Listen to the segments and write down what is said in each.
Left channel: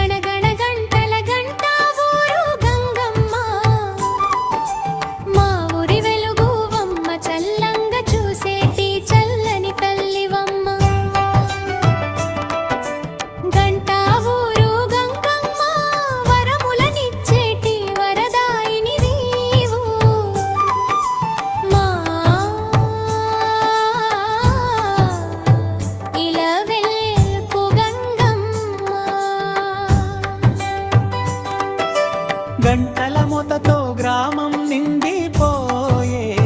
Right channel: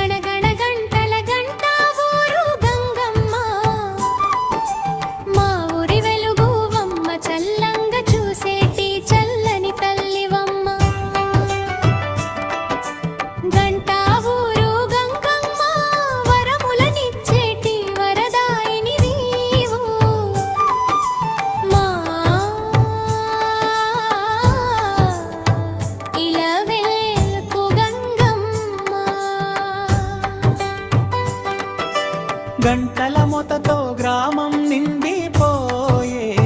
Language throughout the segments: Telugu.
கணகண మోతతో గ్రామం నిండిపోయే.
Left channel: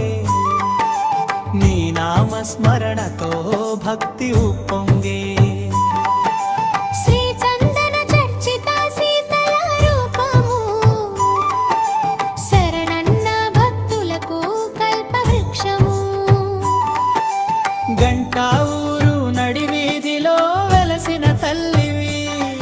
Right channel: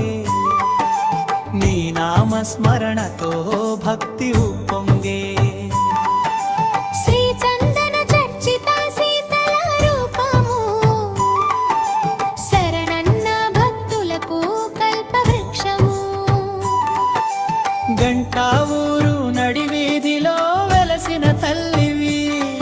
నీ నామస్మరణతో భక్తి ఉప్పొంగే. శ్రీచందన చర్చిత శరణన్న కల్పవృక్షము. గంటా ఊరు నడివీధిలో వెలసిన తల్లివి.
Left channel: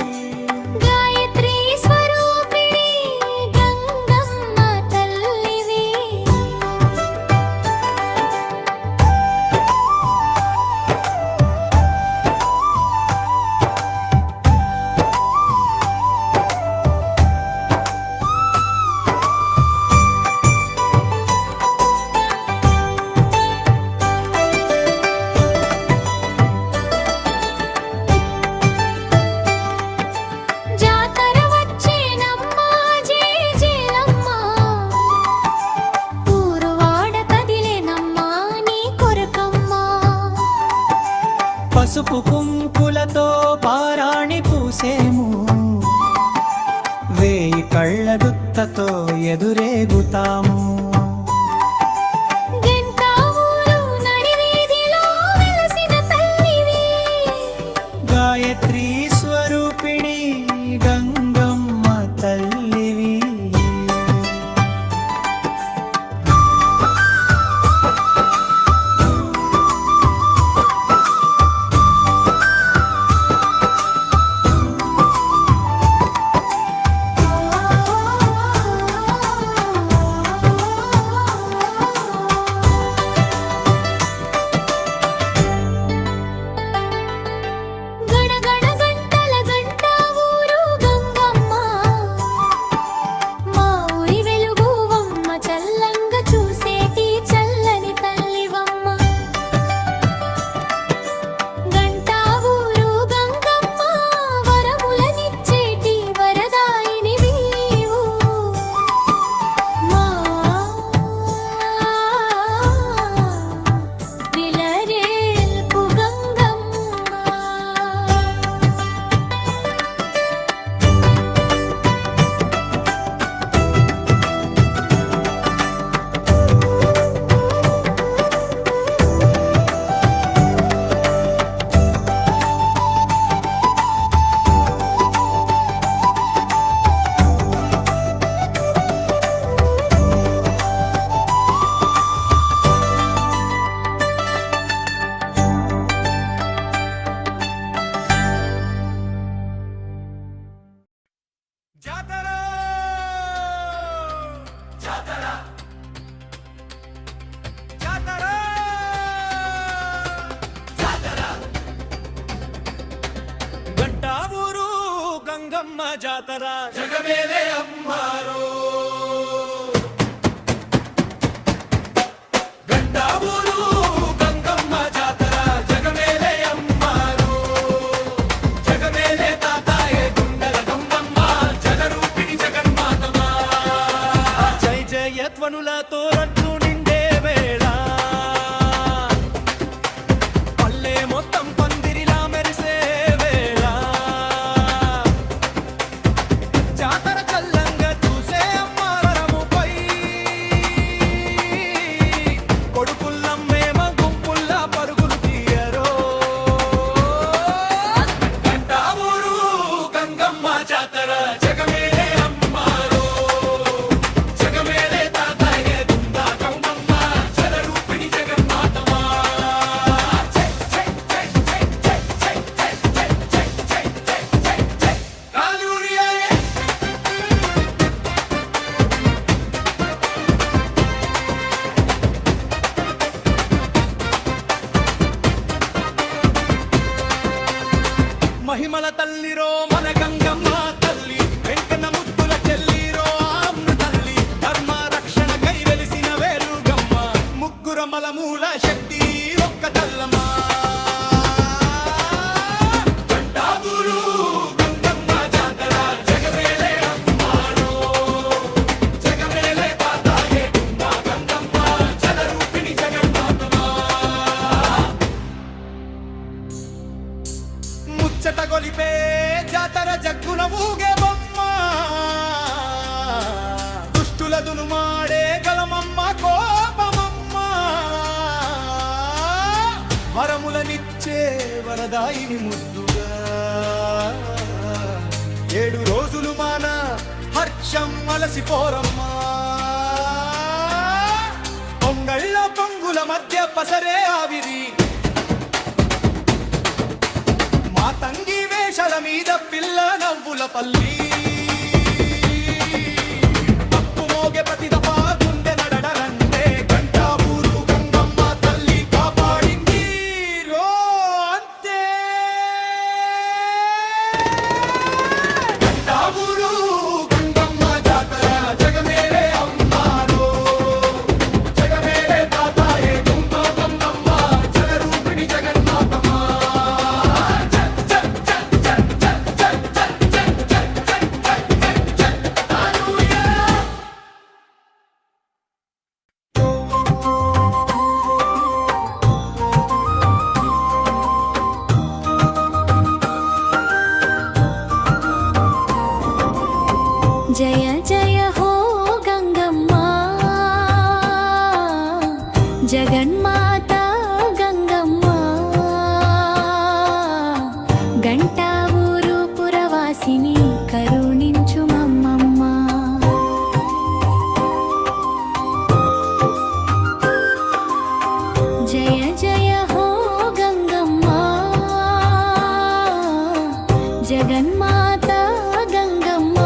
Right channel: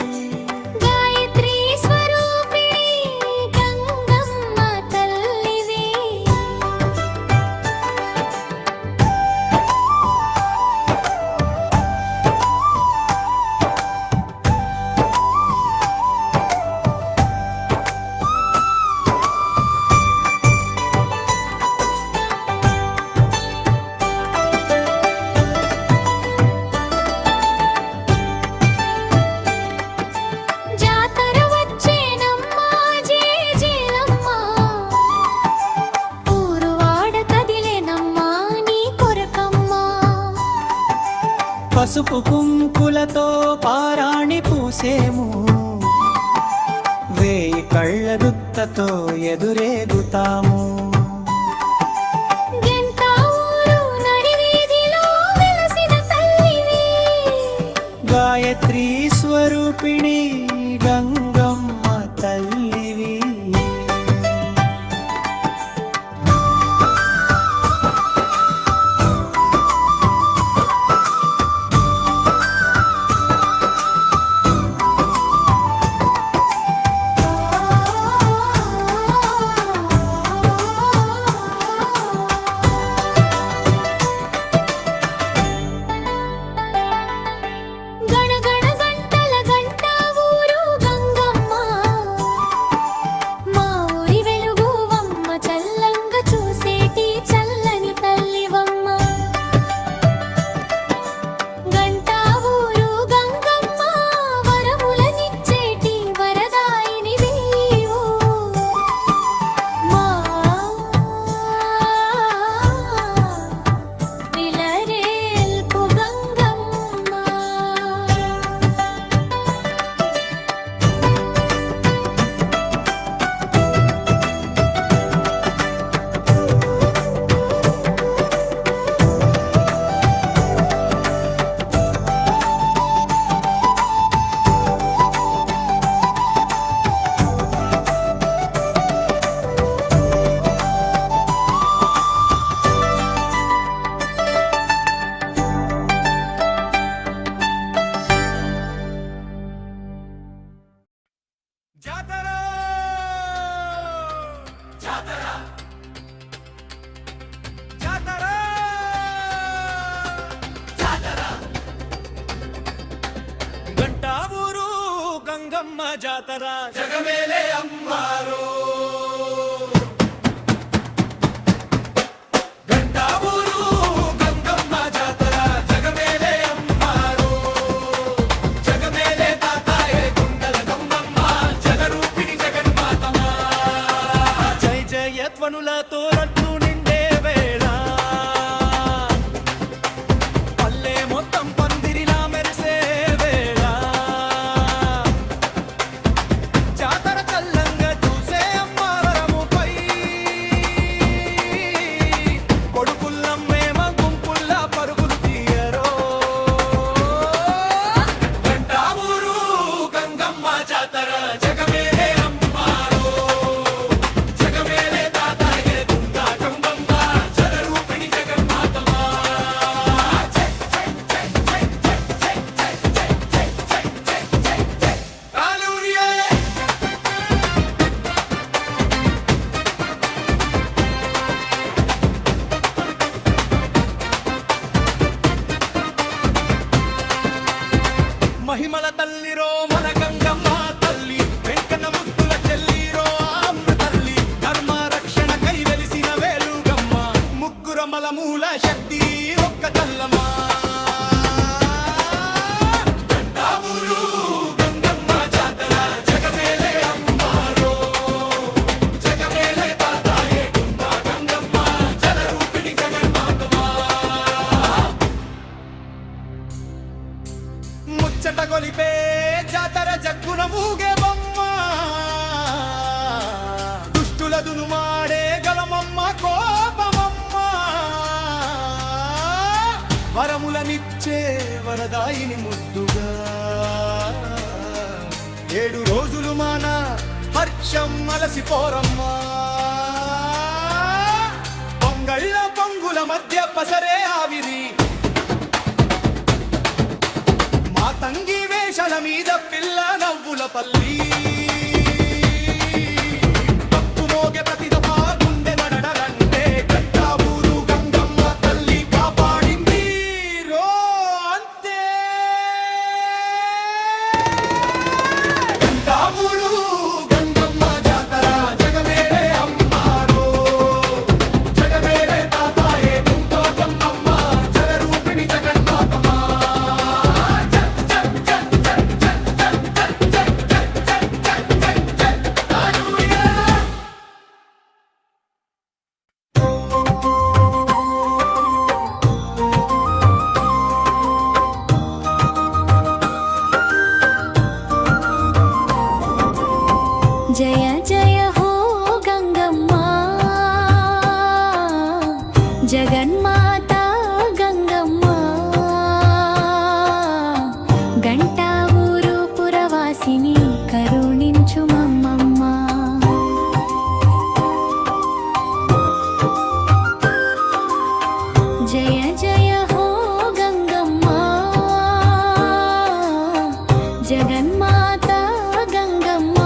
పారాణి పూసేము. వేయి కళ్ళ గుత్తతో ఎదురేగుతాము గాయత్రీ స్వరూపిణి ಜಾತರ ಜಗಮೇಲೆ ಅಮ್ಮಾರು ಗಂಟಾಬೂರು ಗಂಗಮ್ಮ ಜಾತರ ಜಗಮೇಲೆ ಅಮ್ಮಾರು ಜಗಮೇಲೆ ತಾತಾಯೇ ಗುಂಡಲ ಗಂಗಮ್ಮ జగరూపిణి జగన్మాతమా జయ జయత్వనులతో మహిమల తల్లిరో మన గంగమ్మ తల్లి. వెంకన్న ముద్దుల చెల్లిరో ఆమ్ర తల్లి. ధర్మ రక్షణ కై వెలిసిన వేలుగమ్మ. ముగ్గురమల మూల శక్తి ఒక్క తల్లమ్మా. జగ్గున ఊగే బొమ్మ. దుష్టుల దునుమాడే గలమమ్మ కోపమమ్మ. వరములనిచ్చే వరదాయిని ముద్దుగా. ఏడు రోజులు మాన హర్షం అలసిపోరమ్మా. పొంగళ్ళ పొంగుల మధ్య పసరే ఆవిరి. ఆ తంగి వేషల మీద పిల్ల నవ్వుల పల్లి. తప్పు మోగే ప్రతి జగన్మాత గంగమ్మ. గంటా ఊరు పురవాసిని కరుణించు మమ్మమ్మ. జయ జయ హో గంగమ్మ. జగన్మాత గంగమ్మ.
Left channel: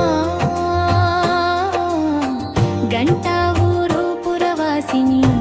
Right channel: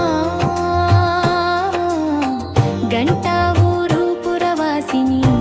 గంటా ఊరు పురవాసిని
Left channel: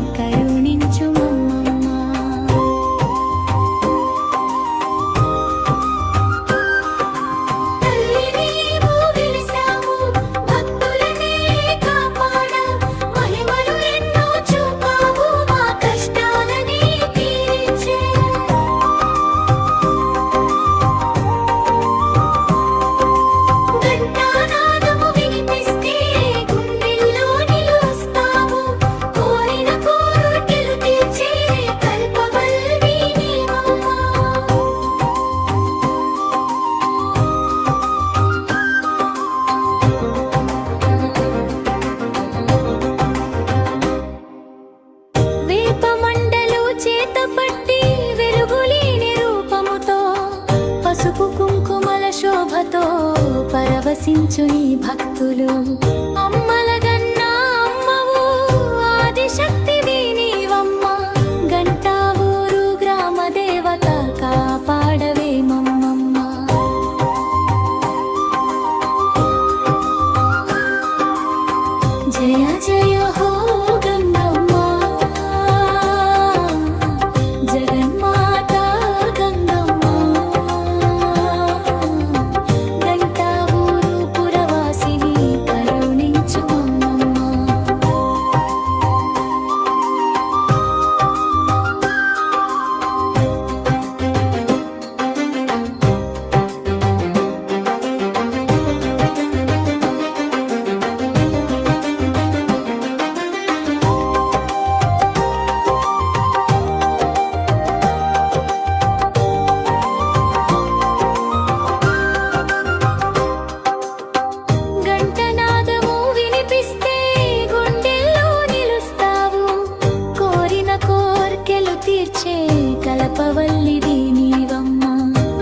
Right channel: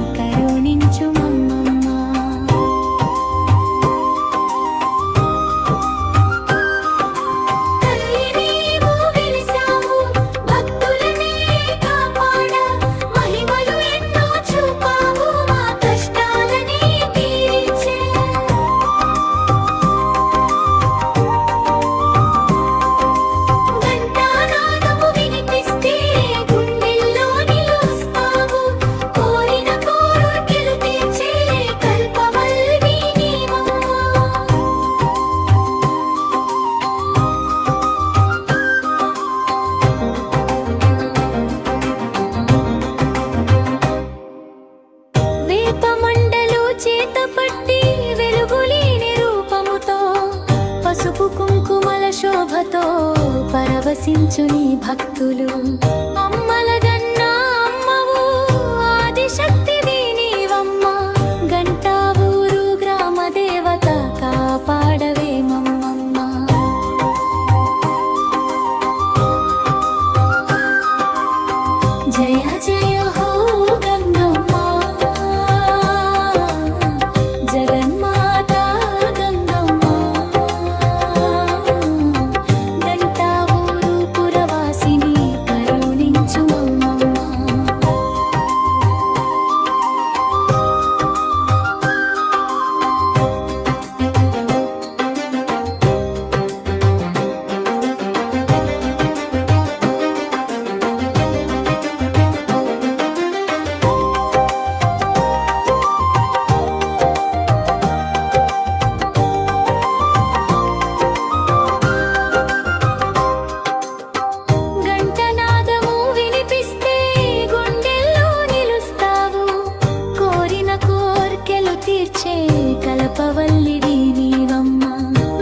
కలపవల్లివి నీవమ్మ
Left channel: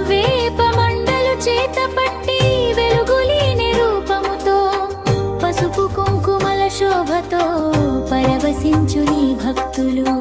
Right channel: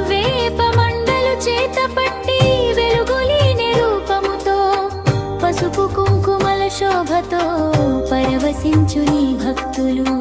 వేప మండలు చేత పట్టి వెలుగులీని రూపముతో పసుపు కుంకుమల శోభతో పరవశించు నీ భక్తులు.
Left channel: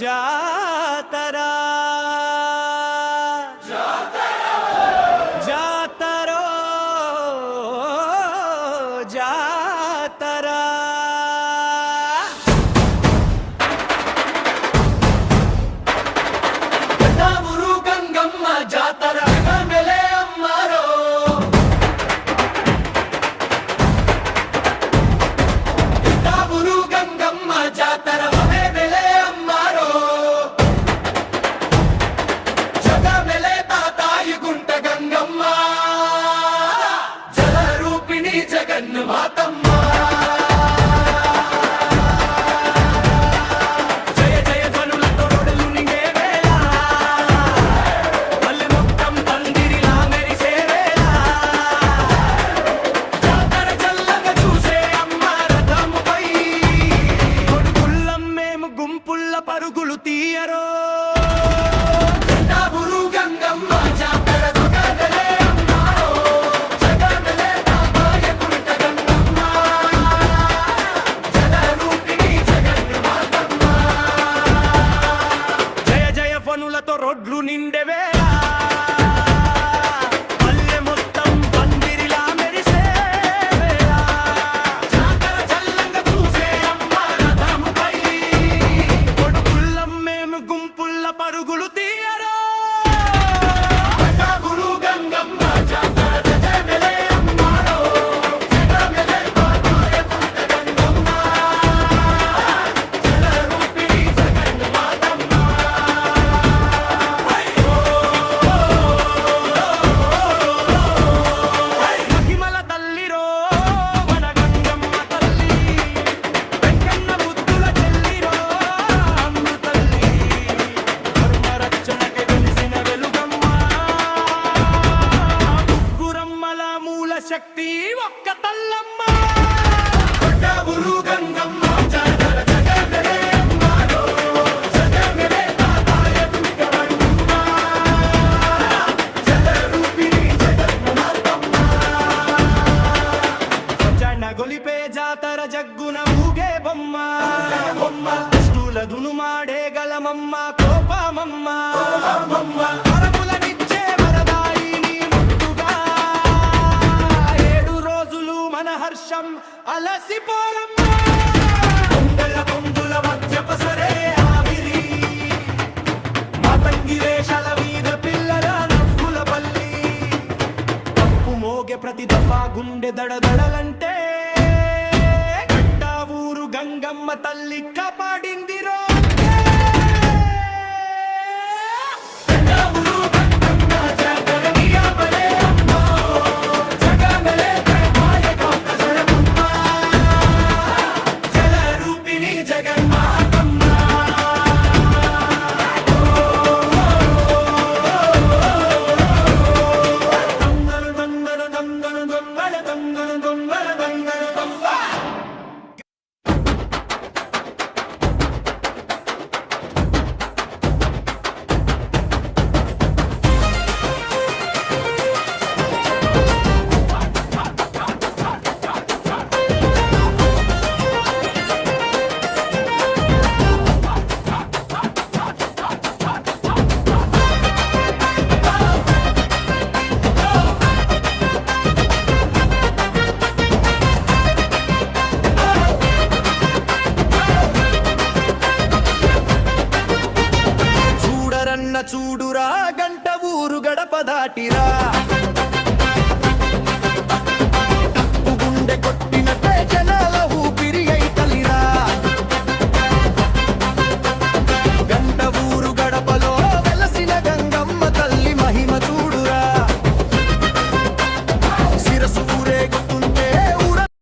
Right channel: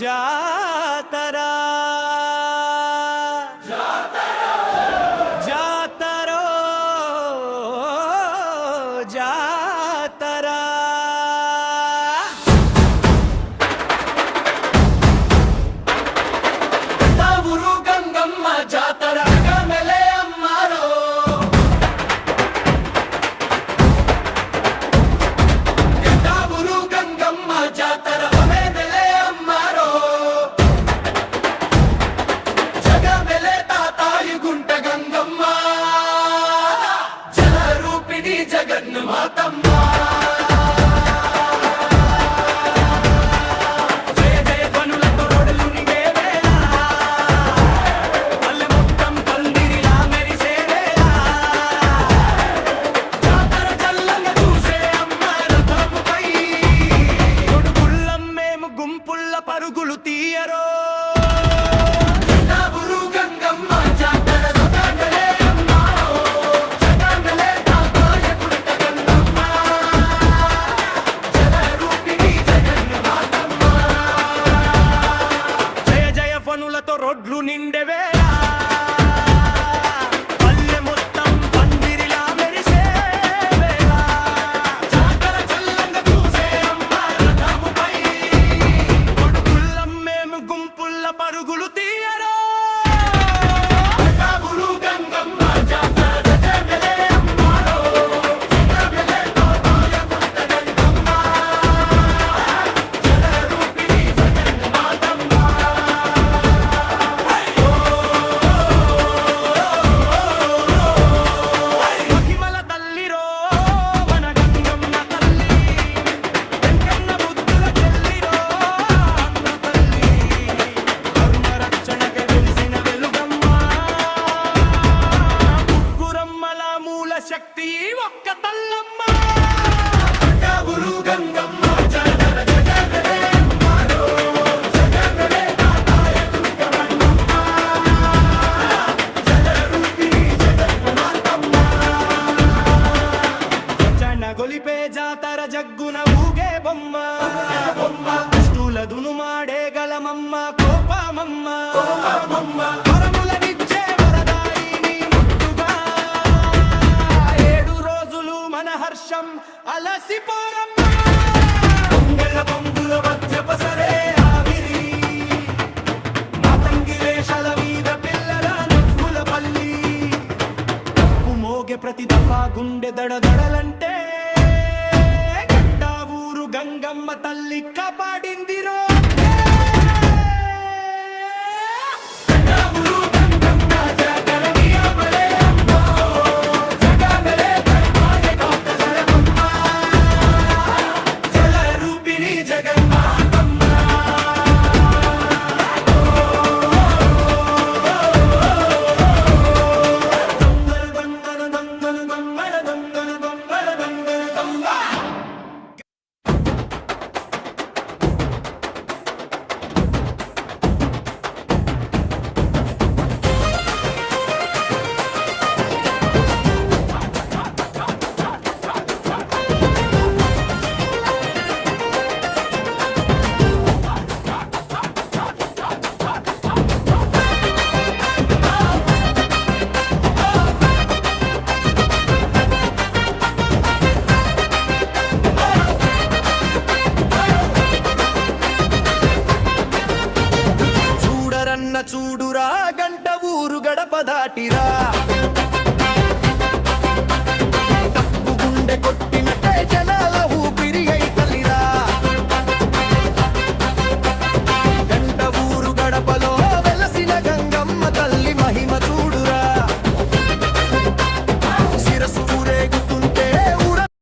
जातरा ఊగే బొమ్మ. దుష్టుల దునుమాడే గలమమ్మ కోపమమ్మ. వరములనిచ్చే వరదారి నీ ఏడు రోజులు మన హర్షం అలసిపోరమ్మ పొంగళ్ళ పొంగుల మధ్య పసరే ఆవిరి. మతంగి వేషల మీద పిల్లల నవ్వుల పల్లి. తప్పు మోగే ప్రతి దఫా గుండె దడదడలంటే గంగమ్మ తల్లి కాపాడిందిరో. నిన్న చూడురా గంట ఊరు గడప దాటిరా. తప్పు గుండె కొట్టినట్టే జనాల ఊపిరి అయి తల్లిరా. గంట ఊరు గడపలో వెలసిన గంగమ్మ తల్లి మహిమ చూడు.